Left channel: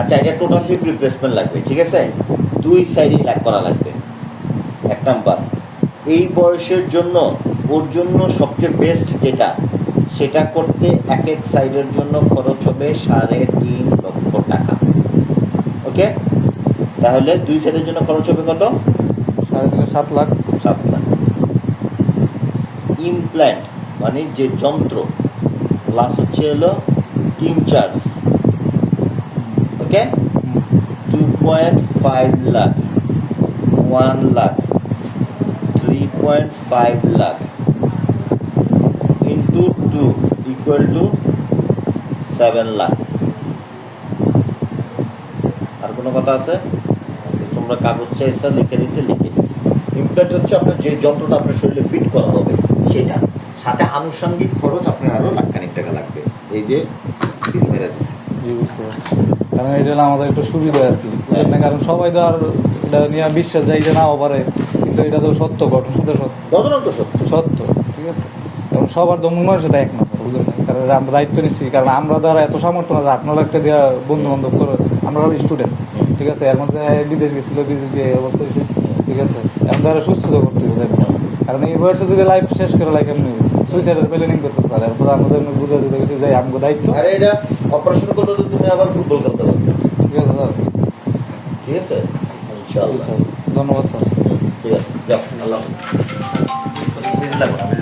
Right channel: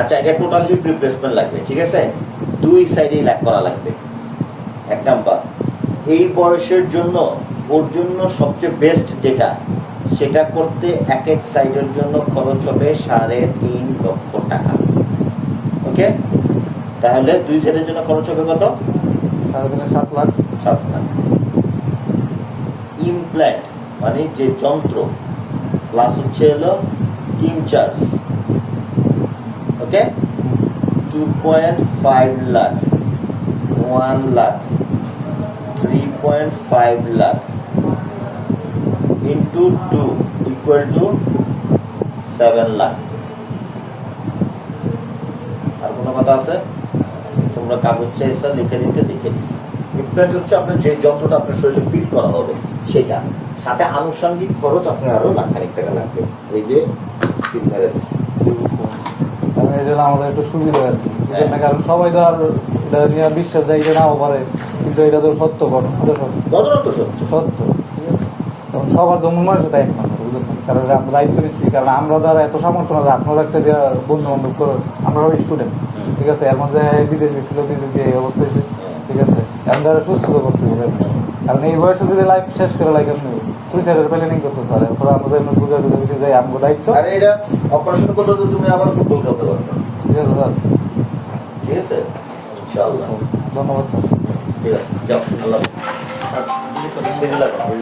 আচ্ছা, এটা total hip replacement লাগবে, ঠিক আছে? দুই সাইডেই করা লাগবে। এক নাম্বার, এই বয়সের জন্য ওর জন্য সবচেয়ে বেস্ট যেটা, সেটা করতে এক এক সাইডের জন্য খরচ হবে 3.5 লক্ষ টাকা। ওকে, তাহলে দুই সাইডের জন্য খরচ হবে কত? 7 লাখ। 7 লাখ। ইমপ্ল্যান্ট মানে যে যন্ত্র, প্লাস হচ্ছে হলো team charge, okay, 2.5 lakh, 1 lakh, 3.5 lakh into 2 equal to 7 lakh. আর কোনো কথা আছে? তোমরা কাগজ চাইছো, লিখে দিতে লিখে দিচ্ছি। ইমপ্ল্যান্ট হচ্ছে আপনার যে যন্ত্রটা আপনার শরীরে ফিট করা হবে সেটা, সাথে আনুষঙ্গিক খরচ আপনার আরো লাখখানিক টাকা লাগবে। এই যে সিল মেরে দিচ্ছে, কারণ এটা হলো আমাদের একটু সুবিধা আর কি, কারণ সবাই তো আর এটা নিয়ে বিশ্বাস যায় যে নাও পারে, কিন্তু এটা তো সত্য, ঘটনা তো সত্য, ঘটনা তো সত্য। সত্য, ঠিক আছে? কারণ সবার দমন মানুষের এক না, বুঝলেন? কারণ আমরা দায়িত্ব নিচ্ছি, কারণ আমরা দ্বারা এত সামর্থ্য না, আপনার একটা দেওয়া বন্ধু বান্ধব তো, আমরা সব স্টুডেন্ট, ঠিক আছে? এর মধ্যে বিদেশ গেছিল, বিদেশ গিয়ে এই অবস্থা হয়েছে, ঠিক আছে? আমরা সুস্থ করতে হবে, কারণ এই বয়সে যদি লাইফ শেষ করে লাগে এমনি সুইসাইডের প্ল্যানিং করতে স্যার, এরপর আমাদের বুঝে দিতে গেছি যে আমাদের দায়িত্ব। আরে এটা অপারেশন করলে তো তুমি আবার ফুটবল খেলতে পারবে, ঠিক আছে স্যার? ঠিক আছে, ইনশাআল্লাহ। ধন্যবাদ স্যার। ঠিক আছে, যাও, আল্লাহ হাফেজ।